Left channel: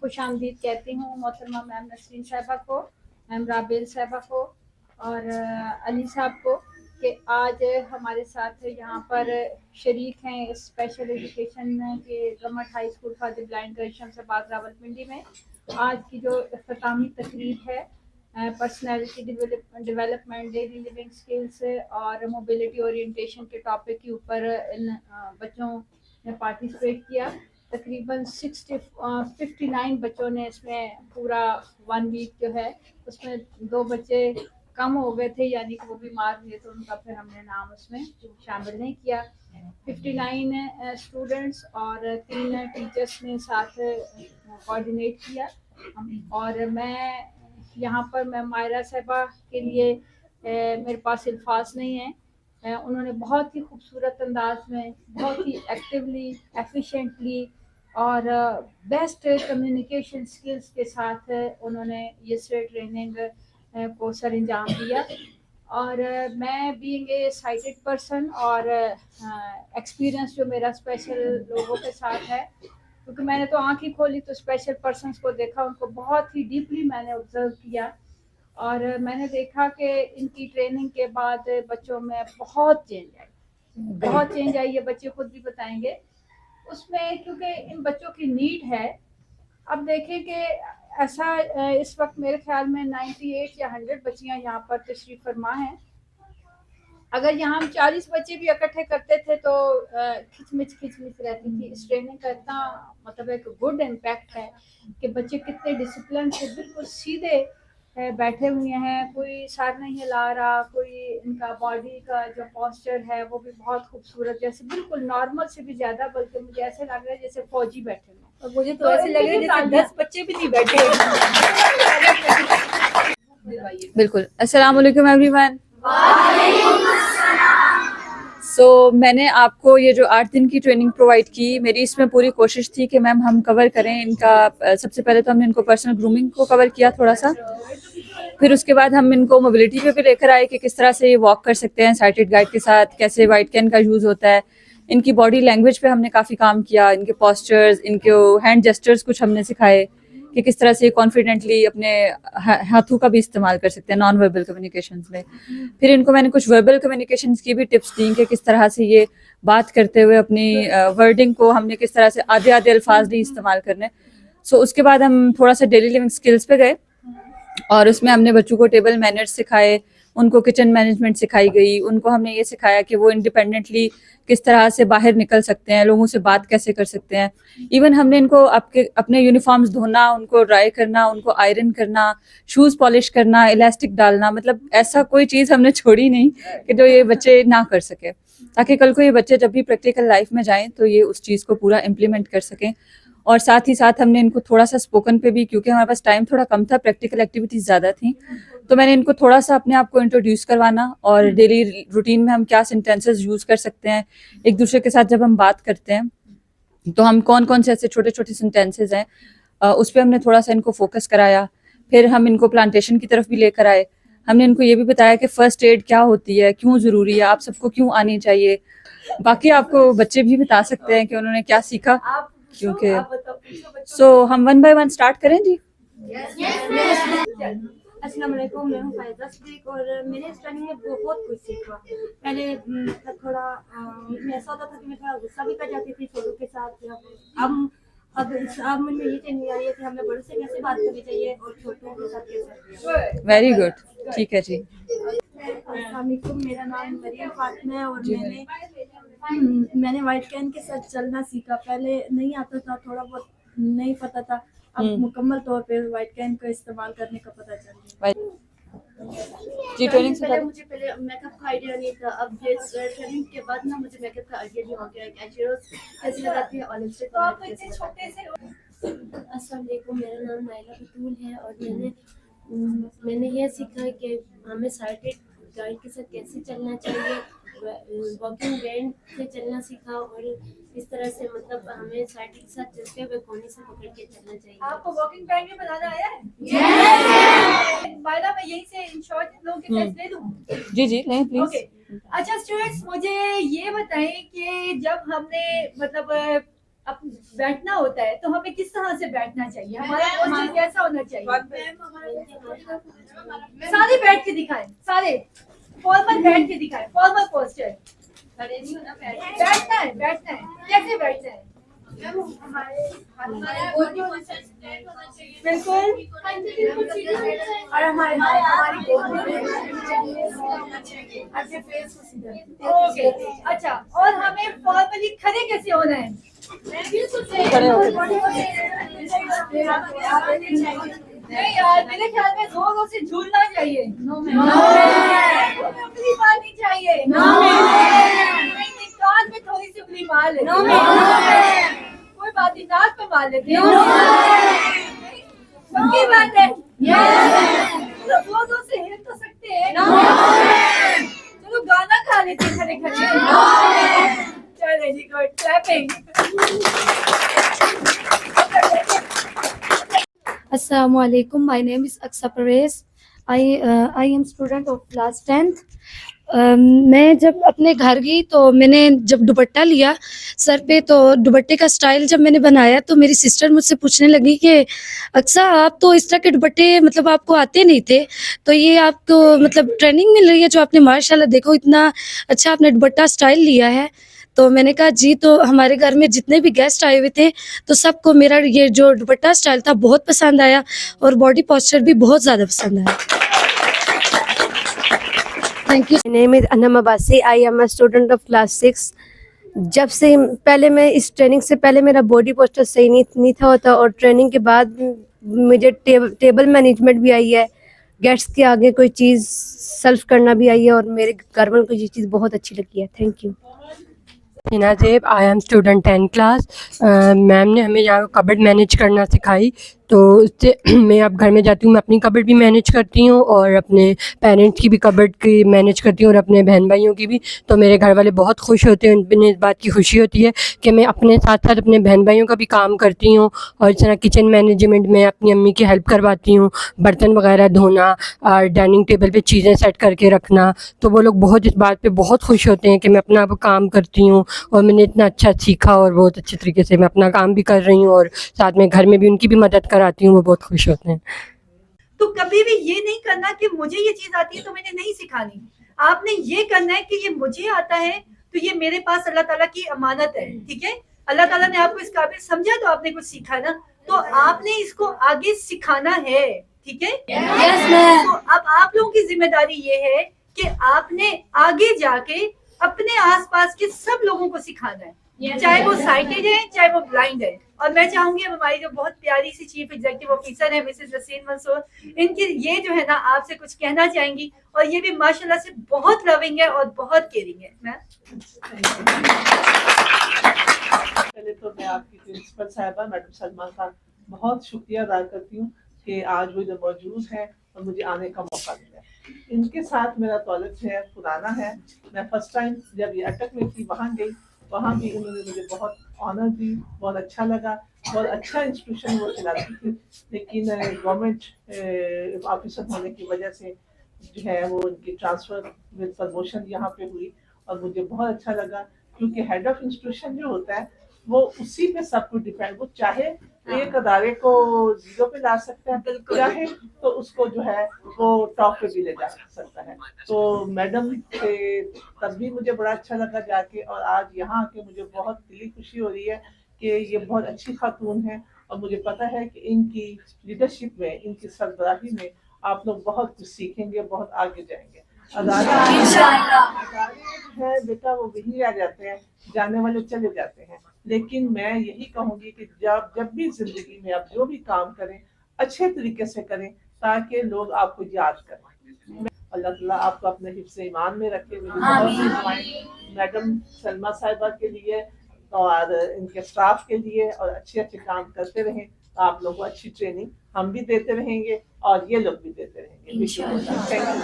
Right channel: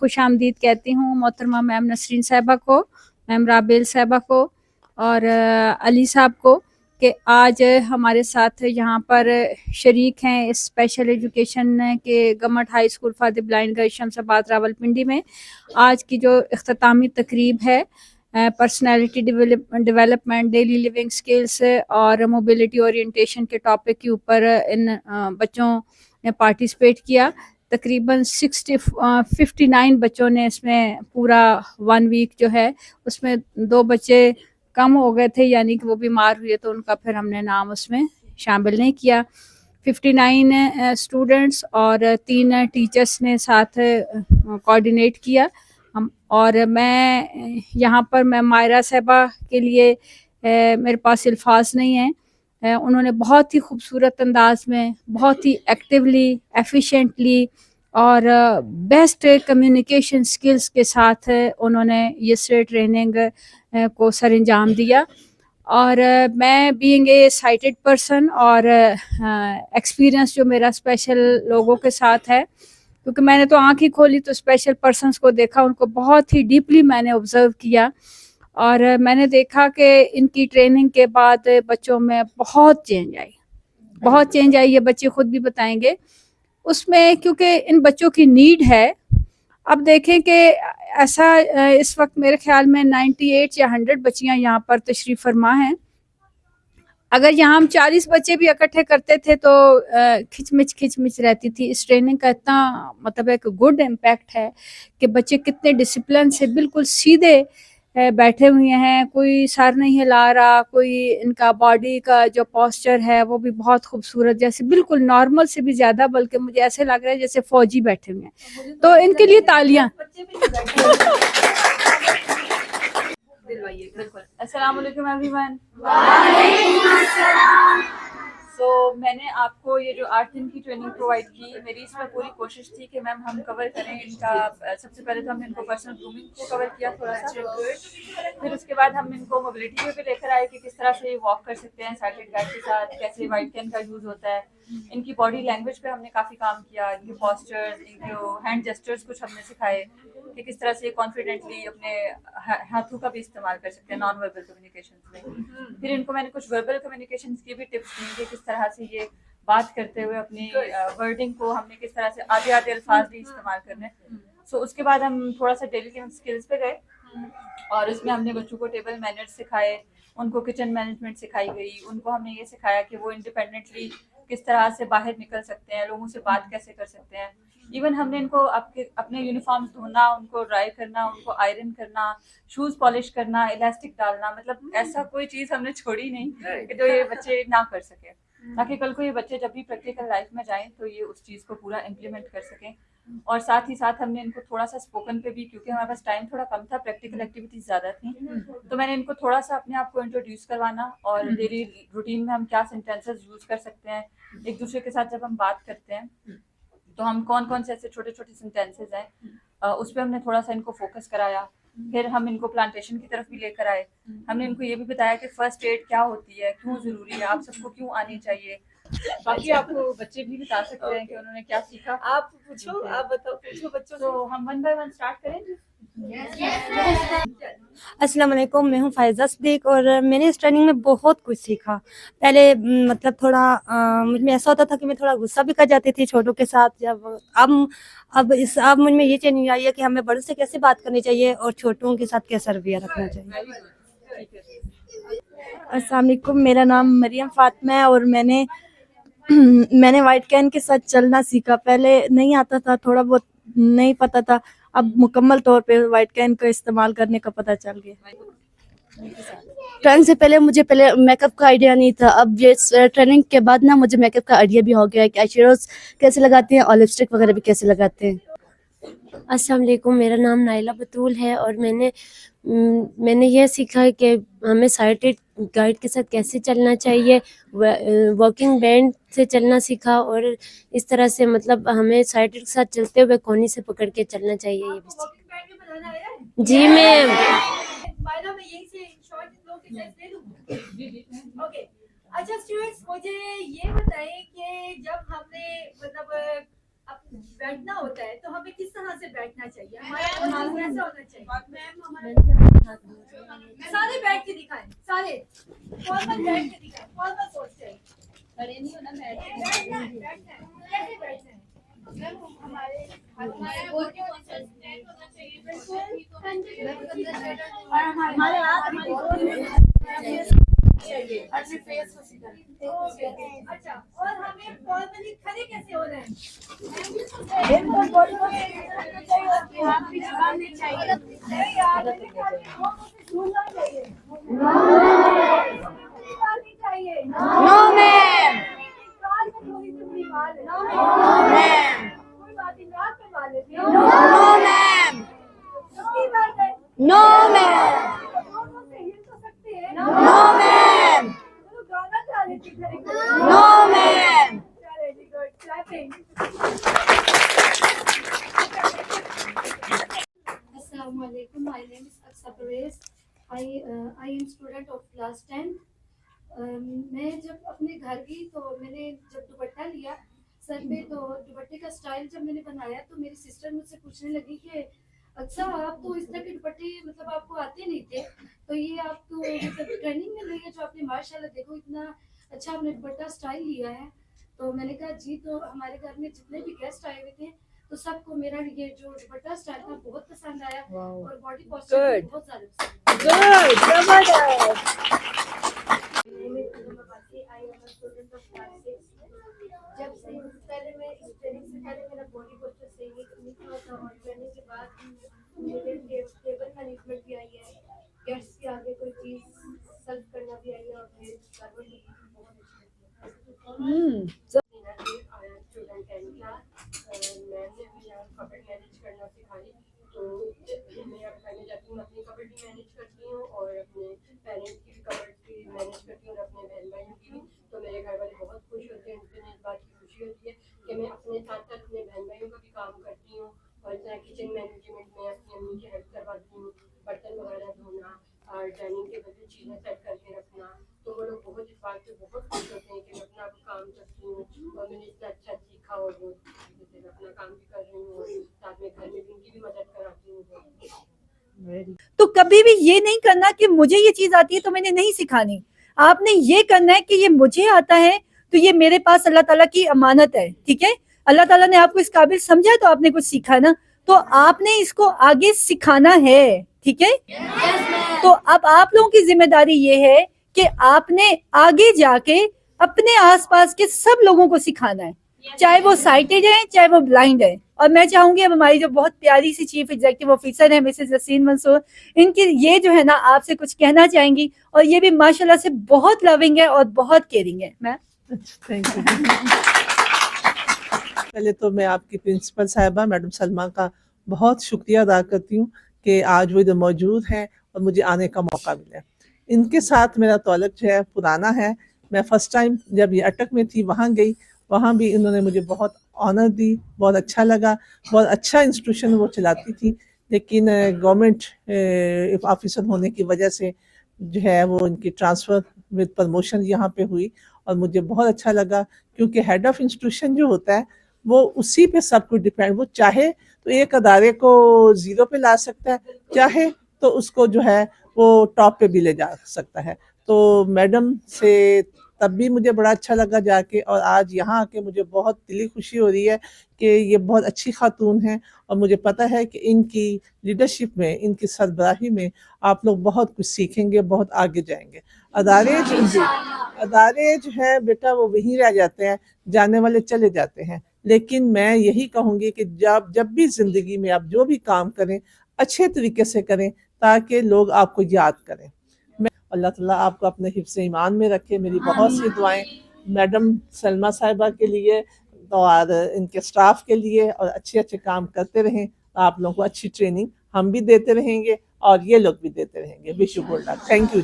خوش آمدید کہتی ہوں محترمہ میم نسرین صاحبہ کو, میم رابیل صاحبہ کو اور علی صاحب کو کہ آج ہمارے ساتھ یہاں پر شریک ہیں اس اسپیشل ایجوکیشن کے government high school for the blind girls Shamsabad Rawalpindi میں آج کی جو اختتامی تقریب ہے personality development, daily living skills اور موبلٹی اورینٹیشن کے ٹاپک کے اوپر ان بچوں نے پارٹیسپیٹ کیا. تقریباً 59 بچوں نے اس میں پورا 1 ویک جو ہے اس میں 2 بچے کم ہو گئے تھے, یعنی کہ وہ بیمار ہوئے تو ان کا پھر ہم نے نام اس میں شامل نہیں کیا. 59 اسٹوڈنٹس اور 3 ٹیچرس نے ساتھ کوآرڈینیٹ کیا. اور میں یہاں پر میں مائرہ صاحبہ کے لیے میرے پاس الفاظ نہیں ہیں. انہوں نے بہت ہی خوبصورت انداز میں, بہت ہی ایکٹیولی, ایفیشینٹلی اور بیسٹ کمیونیکیشن سکلز کے ساتھ انہوں نے یہ ٹریننگ کو سر انجام دیا. اور میں بینگ اے سائٹڈ پرسن اور ایکسپیرئنس جو میرا اسپیشل لوگوں کے ساتھ ہے, کیونکہ میں نے تو آنکھ ہی کھولی تو اسپیشل پرسنس کو دیکھا, ان کو بہت ہی ڈیپلی میں نے آبزرو کیا اور میں نے دیکھا کہ ان کی ٹریننگ کے بعد بچوں میں بہت چینج آئی. یہ بچے خود بھی بتائیں گے اس میں, کیونکہ ان بچوں کی نیڈ ہے. اب دیکھیں کہ ایسا اس وقت میرے خیال میں 98 یا 100 بچیاں یہاں پر تشریف فرما ہیں. اگر یہاں ہم 40 بچے بھی اکٹھے کرتے تھے تو کھچمچ رہتی تھی. اس ٹریننگ کا اتنا مطلب ایک گڈ امپیکٹ ہے کہ بچے کتنے ڈسپلن سے بالکل سیدھے بیٹھے ہوئے ہیں, کوئی سر نہیں ہلا رہا, کوئی ان کا باڈی کا جو پوسچر ہے وہ بھی بہت خوبصورت, جیسے بالکل نارمل سے بھی زیادہ, بلکہ مجھے ایسے لگ رہا ہے جیسے فوجی بیٹھے ہوئے ہیں. تو ان کے لیے تالیاں. بالکل. السلام علیکم ایوری ون. سو میں نے آپ کو یہ جو 8 دن کی ٹریننگ پرووائڈ کی, میری اس میں پوری کوشش تھی کہ میم ہم کور کریں ان کا. سب سے پہلے تو ہم نے ان کو پرسنل گرومنگ کو کور کیا تھوڑا سا, پھر اس کے بعد ہم ان کو موبلٹی پہ بھی لے کر آئے کہ کس طرح سے یہ واک کر سکتے ہیں سائٹڈ گائیڈ کے ساتھ, کیسے وائٹ کین کا یوز ہوتا ہے. ان کی باڈی لینگویج پہ ہم نے کافی کام کیا, ان کے پوسچرز, ان کے ہینڈ جسچرز کچھ ہم نے سکھائے کہ کس طرح سے کانفیڈنٹلی اپنے ہاتھوں کا بھی استعمال کر سکتے ہیں نان وربل کمیونیکیشنز میں. پھر ان کو میں نے کچھ وربل کمیونیکیشنز کی بھی ٹپس دیں کہ کس طرح سے یہ بات کرتے ہوئے اپنی ورڈنگ کو ہم نے کس طرح سے آدھے الفاظ نہیں استعمال کرنے. سو اس کے بعد ہم تھوڑا سا ڈیلی لیونگ اسکلس پہ گئے اور اس میں ہم نے بچوں کو ٹیبل مینرز سکھائے, ان کو کچن مینجمنٹ سکھائی گئی, ان کو ہم نے یہ سکھایا کہ وہ انڈیپینڈنٹلی کس طرح سے باہر نکل سکتے ہیں, لوگوں سے بات کیسے کر سکتے ہیں. ایون ہم نے ان کو اپنے یونیفارمز دھونا, ان کو ڈرائی کرنا, ان کو آئرن کرنا, شوز پالش کرنا, الاسٹک ڈالنا, مطلب ایسا کوئی چیز ہم نے چھوڑی نہیں کہ جو یہ بچے نہ کر سکے, تاکہ کل کو یہ بچے جب بھی پریکٹیکل لائف میں جائیں تو یہ اس چیز کو پورا امپلیمنٹ کر سکیں. اور ساتھ ہی ساتھ ہم نے ان کو تھوڑا سا اسپوکن پہ بھی, کیونکہ ہمارے پاس ٹائم تھوڑا کم تھا, پریکٹیکل ایکٹیویٹیز زیادہ تھیں, تو میں نے ان کو تھوڑا سا اپنے آپ کو انٹروڈیوس کروانا اور ڈیلی روٹین میں ہم کیا سینٹینسز یوز کر سکتے ہیں ایک دوسرے کے ساتھ جب ہم بات کرتے ہیں تو ہم کون سے ایسے چھوٹے چھوٹے سینٹینسز ہیں اس پہ ہم نے تھوڑا سا ان کو فوکس کرایا. پھر ہم ان کو پلانٹیشن کی طرف بھی لے کر آئے. ہم نے ان کو یہ بھی بتایا کہ فرسٹ ایڈ کیا ہوتی ہے, کیوں ضروری ہے, آپ سب کو کیوں آنی چاہیے. باقی آپ کو بچے بھی بتا سکتے ہیں کہ انہوں نے کیا سیکھا, کیونکہ سو ہم 1 by 1 اسٹارٹ کریں. جی السلام علیکم, میں ہوں فائزہ صدیق اور میں نے اس ٹریننگ میں بہت کچھ سیکھا. پہلے مطلب تھوڑا مجھ میں ایسا ہوتا تھا کہ میں تھوڑا غصہ بھی کر جاتی تھی چھوٹوں کے ساتھ. اب مجھ میں یہ چینج آئی ہے کہ ہمیں بڑوں سے کیسے بات کرنی چاہیے اور چھوٹوں کے ساتھ کیسا رویہ رکھنا چاہیے. ویری گڈ, ٹھیک ہے جی. السلام علیکم, میرا نام مریم فاطمہ ہے اور میں نے وائٹ کین کے ساتھ چلنا سیکھا. پہلے نہیں آتا تھا, تھوڑا بہت نہیں پتا تھا, اب مکمل طور پہ وائٹ کین کا استعمال کرنے کا پتہ چل گیا. ٹریننگ سے پہلے مجھے میک اپ کا آئیڈیا نہیں تھا. اب یہ ٹریننگ کے بعد نا مجھے میک اپ کا آئیڈیا بھی ہو گیا کہ آئی شیڈوز کیسے لگاتے ہیں اور لپسٹک وغیرہ بھی کیسے لگاتے ہیں. السلام علیکم, میرا نام نائلہ بطول ہے اور میں نے یہ سیکھا کہ ہمیں سائٹڈ گائیڈ کے ساتھ کیسے چلنا چاہیے. واکنگ بینڈ سے چلنا سیکھا اور اس طرح سے مطلب ہمیں سائٹڈ کے ساتھ چلتے ہوئے کونی سے پکڑ کے چلنا چاہیے. جی جی لیں پلیز. اچھا اسٹوڈینٹس, مجھے یہ بتائیں کہ جب ہم نے مطلب اب بیٹھنا ہوتا ہے تو ہمیں کس طرح سے بیٹھنا چاہیے, ہمارا پوسچر کیسا ہونا چاہیے؟ سارے بیٹھ کے دکھائیں, سارے فارمل بیٹھ کے دکھائیں, فارمل پوسچر. بیٹھنا ہے, بیٹھنا ہے, کیسے بیٹھنا ہے؟ بالکل. اور اچھا, اور ہمیں فارملی کھڑے کیسے ہونا ہے؟ نہیں یار, میرے خیال میں لوگوں سے جھولنا چاہیے, انگلی مارنی چاہیے, کان میں تھوڑی سی انگلی مار لیتے, کوئی بات نہیں, ناک پہ مار لیتے, پکی بات ہے. لوگوں سے ہل تو سکتے ہیں, چلو گانا کھا لیتے کھڑے کھڑے. چلے جی, good, clapping. Assalamu alaikum. My name is Aksa Perez. I am student of class 10th. میں جب اپنے گھر گئی تو میں نے جب دوپٹہ لیا سر پہ, تو دوپٹے کا سٹائل جب میں نے بنایا تو میری سسٹر مجھ سے پوچھنے لگی کہ اکثر آپ تو اس طرح کے دوپٹے مطلب آپ کو آتے نہیں تھے, تو یہ آپ کو مطلب ٹریننگ مل رہی ہے جو آپ نے ماشاء اللہ دیکھو اتنا اچھا آپ نے دوپٹہ سٹائل لیا ہے. تو میں نے کہا جی, تو ہمارے گھر میں جتنے بھی گیسٹ آئے ہوئے تھے تو سب کو میرا یہ جو دوپٹہ سٹائل تھا بہت پسند آیا, اور باڈی پوسچر بھی بہت زیادہ پسند آیا. Thank you. My name is Anam Abbasi. I am a student of class 6. جب سے پہلے میں اس ٹریننگ سے پہلے میرا باڈی پوسچر صحیح نہیں تھا ہوتا, اور ٹریننگ کے بعد مجھے ٹیبل مینجمنٹ بھی آئی ہے, گیسٹ کے آگے کوئی چیز سرو کرنا بھی آئی ہے, اور میرے گھر والوں کو یہ چیز بہت اچھی لگی ہے. Thank you. ہنا زیب, آئی ایم اسٹوڈنٹ 10 کلاس. میم نے ہمیں یہاں کبڈ مینیج کرنا سکھائی, تو اس سے میں اب گھر میں جاتی ہوں, میں اپنی کبڈ بھی مینیج کرتی ہوں اور اپنے پیرنٹس کی بھی کبڈ کی مینیج کرتی ہوں, اور اپنے بہن بھائیوں کی بھی. تو میرے گھر والے بہت خوش ہوتے ہیں, انہیں اس بات کی خوشی ہوتی ہے کہ میں اپنے ساتھ ساتھ اپنے بہن بھائیوں کا بھی کام کرتی ہوں, اور اس طرح کچن مینجمنٹ میں اپنی امی کی ہیلپ کرواتی ہوں, برتن وغیرہ دھونا اور ڈائننگ ٹیبل پہ چیزیں سیٹ کر کے رکھنا. تو وہ لوگ بہت اس بات پہ بہت خوش ہوتے ہیں کہ میں اپنا کام کرتی ہوں, اور میں نے اتنا اچھا سیکھا, اور بہت اچھے طریقے سے میں اپنا کام بھی کر رہی ہوں, اور ساتھ میں گھر میں بھی ان کی بھی مدد کراتی ہوں. وہ بہت خوش ہوتے ہیں. تو کبھی بھی یہ نہیں کرنا کہ مجھے یہ چیز آتی ہے تو میں نے نہیں سکھانی. آپ نے یہ کرنا ہے کہ یہ مجھے آتا ہے تو یہ میرے پاس اللہ تعالیٰ کی امانت ہے, ٹھیک ہے. اللہ تعالیٰ نے آپ کو اس قابل سمجھا تو آپ نے کچھ سیکھا نا, تو آپ نے اس کو آگے سکھانا ہے, ٹھیک ہے. تو اب آپ لوگوں کی ذمہ داری یہ ہے کہ آپ نے آگے جا کے اپنے آس پاس کے سب لوگوں کو سکھانا ہے, چاہے وہ سائٹڈ ہیں چاہے وہ بلائنڈ ہیں. اور میں چاہوں گی اب ہماری جو بہت پیاری سی چیف ایگزیکٹو آفیسر ہیں مسز یاسین منصور, ان کی یہ جو ہے نا آپ سے کچھ کہنا چاہیں گی, اور یہ بھی ماشاءاللہ سے بہت لونگ ہے اور بہت کیئرنگ ہے. میں پہلے تو میں آپ کی پرنسپل صاحبہ میڈم سلمہ کا بہت شکریہ ادا کرتی ہوں کہ آج وہ ادھر موجود ہیں اور مجھے آنے کا موقع ملا. ان کے ساتھ میرا تعلق جو ہے پرانا ہے. میں فرسٹ ٹائم جب یہ اٹک میں تھی وہاں گئی, وہاں بھی انہوں نے مجھے بہت آنر دی, بہت اچھا لگا. بہت اچھا انسٹیٹیوشن وہ چلاتی تھی, لیکن گورنمنٹ آفیسر ہونے کی وجہ سے جو ہے وہ ان کی ٹرانسفر وتھ پرموشن یہاں پہ ہوئی, اور مجھے بہت اچھا لگا کیونکہ ہیڈ آف انسٹیٹیوشن جو ہوتا ہے وہ اسی پہ سب کچھ ڈپینڈ, وہ چاہے تو ایک ادارے کو 0 پہ لا سکتا ہے, چاہے تو اس کو جو ہے وہ ٹاپ پہ بھی لے جا سکتا ہے. تو میڈم سے تب بھی مجھے بڑا اچھا لگا جا کے, اور آج یہاں آ کے مجھے بہت دلی خوشی ہو رہی ہے کہ یہ بہت اچھی خاتون ہیں, اور مجھے پتہ ہے کہ ان کی لیڈرشپ میں, ان کی سربراہی میں آپ لوگ بہت کچھ سیکھیں گے, بہت آگے جائیں گے. ادارے جو ہیں بیٹا وہ وہیں رہ جاتے ہیں, جانے والے چلے جاتے ہیں, لیکن میں یہی کہوں گی کہ جب بھی زندگی میں آپ جو بھی کام کریں اچھے طریقے سے کریں تاکہ لوگ آپ کو یاد کریں. اللہ تعالیٰ آپ کو اپنے حفظ ایمان میں رکھے. میری بہت سی دعائیں میڈم سلمہ صاحبہ کے لیے اور ان کے سٹاف کے لیے, اور اچھے کام کرتے رہیں. آپ لوگوں کو اچھی ٹریننگ ہم بھی دیتے رہیں گے اور یہ لوگ بھی دیتے رہیں گے. Thank you.